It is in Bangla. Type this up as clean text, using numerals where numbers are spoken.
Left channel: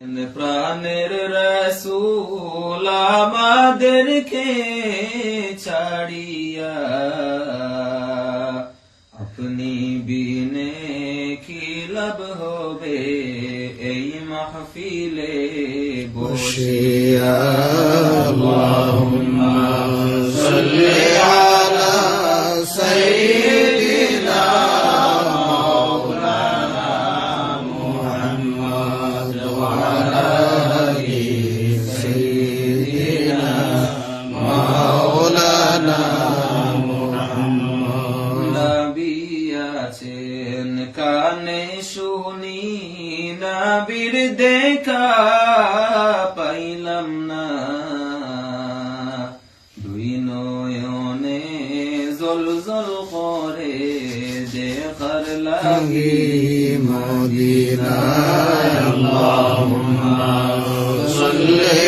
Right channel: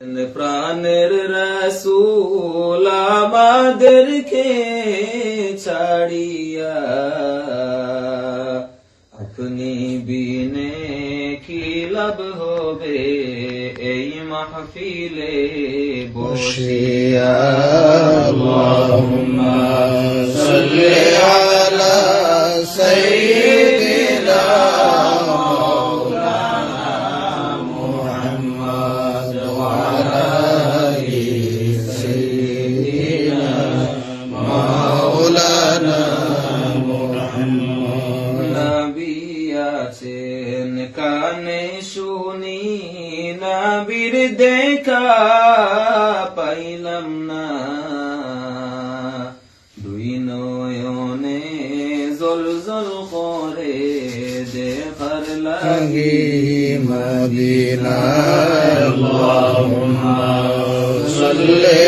প্রাণের রাসূল আমাদেরকে ছাড়িয়া আপনি বিনে কি লাভ হবে এই মাহফিলে বসিয়া। আল্লাহুম্মা সাল্লি আলা সাইয়্যিদিনা মাওলানা মুহাম্মদ ওয়া আলা আলি সাইয়্যিদিনা মাওলানা মুহাম্মদ। নবী আছেন কানে শুনি নবীর দেখা পাইলাম না, দুই নয়নে জল জল করে দেখার লাগি মদিনা। আল্লাহুম্মা সাল্লি